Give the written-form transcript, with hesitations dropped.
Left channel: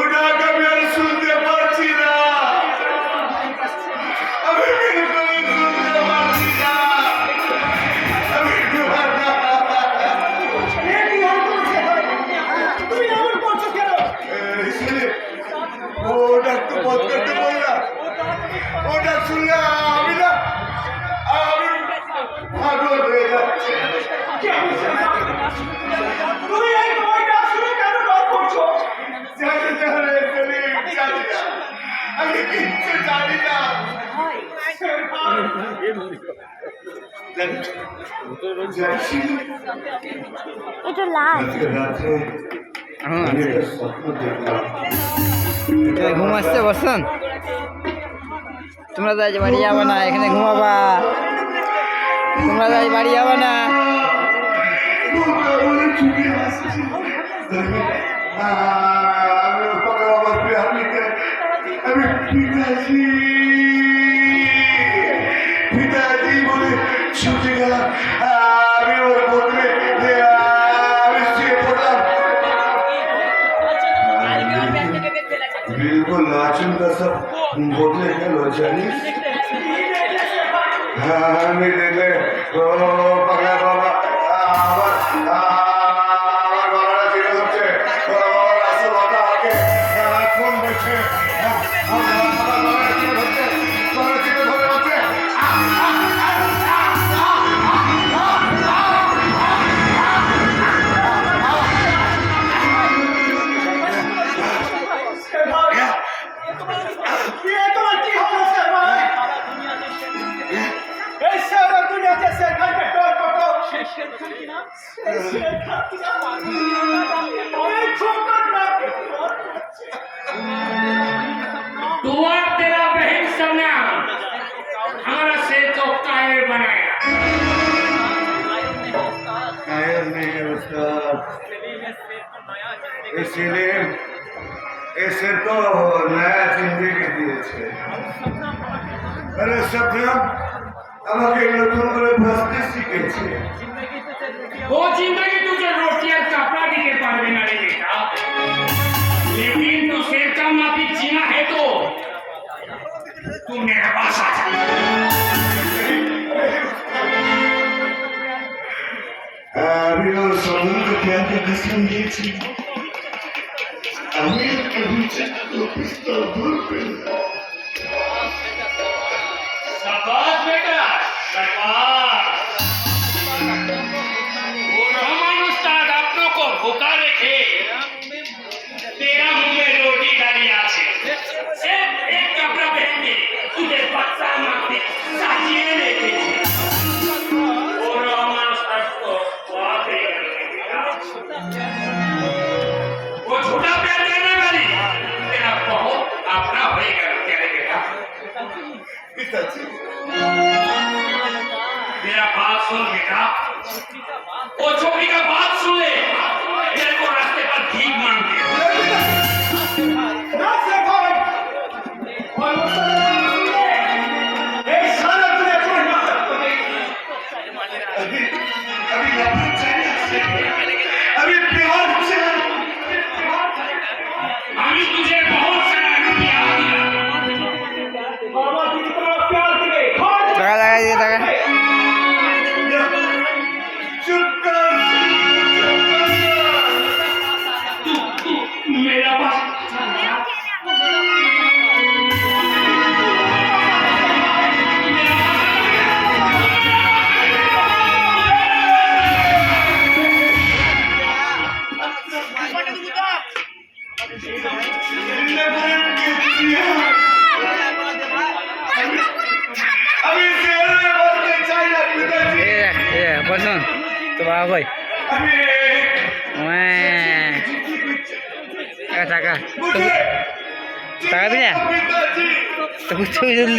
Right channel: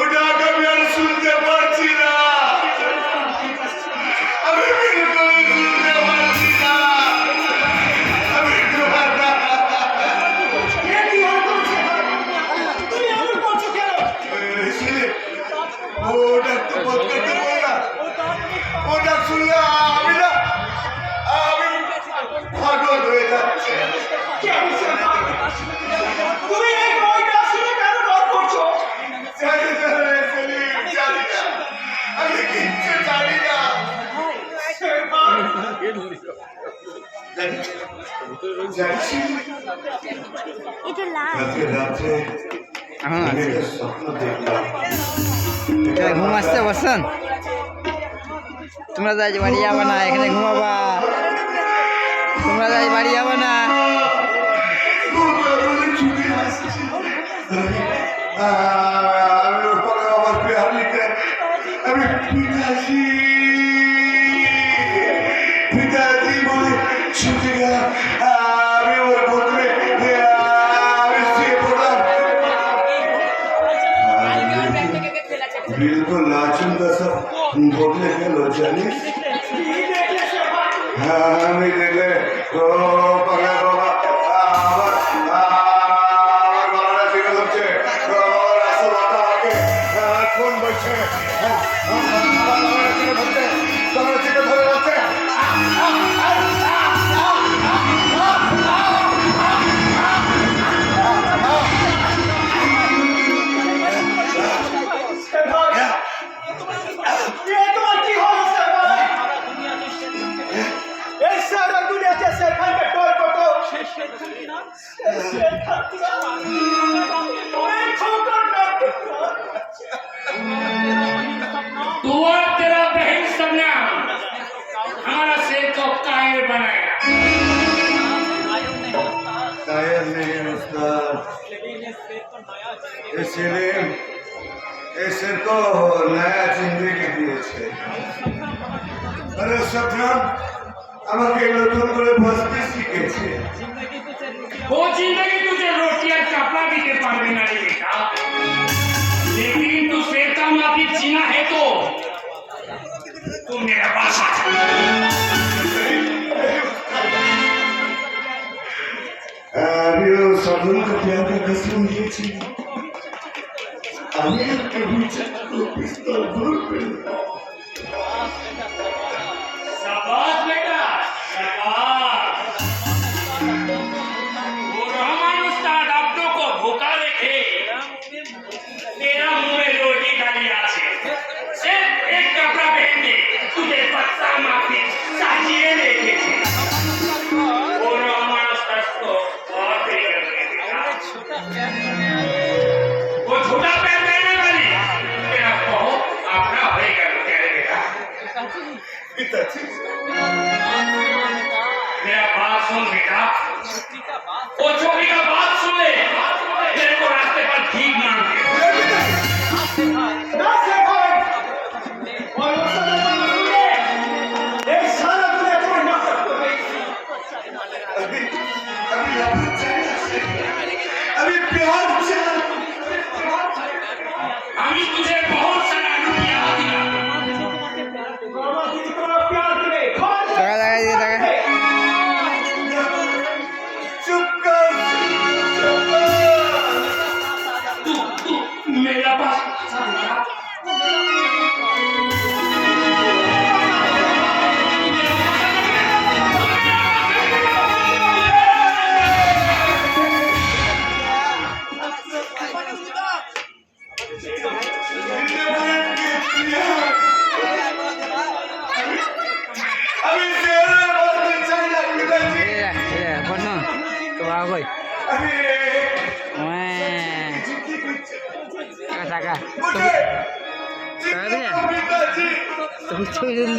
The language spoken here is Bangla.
ওটা আমি আর শুনতে পারছি না। আমি বিলকুল শুনতে পারছি না। ও ডাক্তার বন্ধ করতে বললাম, ও ডাক শুনলে আমি না আমি পাগল হয়ে যাচ্ছে। তুমি এই বইটা শুনে কেন রাগ করছো? আমি কিচ্ছু জানি না। ঘুম আসছে বসুন, তোমরা যাই বাড়ি যাবে না, এখানে ঘুমাবা, তোমরা যাই বাড়ি যাবে না। আমি পিতাজি বলে ছুটে গেলাম। আমি ওর বদলে बिल्कुल नाचन का सब बदले गल जानिस। हाँ আমি দেখলে ও পাগলা বাবা আবার আমার গলাটা ফিরে হচ্ছে। রাসেল বাবা আমাকে ফোন করছে। तू और तेरा बहन सबने हमारा शेर को कायर बनाया। कायर नहीं उस्ताद, इसीलिए इसे तो नया जिंदगी दिए। अरे सपना আমাকে নতুন করে ভাসতে শিখেছে। वो जिंदगी तुझे रोटी और कपड़ा देने पारबे ना रे बेटा, लेकिन तू शेर का माफिक जीना है तो तू मेरे पास आ जा। अभी समूह को क्या क्या कसम ये थी, हमें कभी चाहते पिस्तौल भूल गए। शाबाश बेटा, शाबाश। वो रहमान उस्ताद अपनों को भूखा रखे, तेरा मुंह में रोटी डाली आछे, सिर्फ एक कपड़ा पहन के तुझे बच्चा माफी साजिए लेके। वो रहमान उस्ताद को बहुत प्यार करते। वो छोटा पैर देने वाली तेरा बहुत अपना होएगा क्या रे बेटा। पिताजी मेरा बात सुन बेटा, वो छोकरी का बात सुन ले, तेरे को रास्ते पर भीख मांगते। ना से भाई और वो एक साला तूने अपने माता को अभी अभी नफरत चाहिए, अभी प्यार चाहिए। अभी तुझे बहुत सारा रुपया दिया, मामा जी की तरफ प्यार करे টাকা দেখা দিয়ে টাকা चुप कर, तू मेरा पास अभी तेरे बोलते चाहिए पिताजी। বসুন তো বাবা কই अभी টাকা টাকা मुझे টাকা দিলে पिताजी তো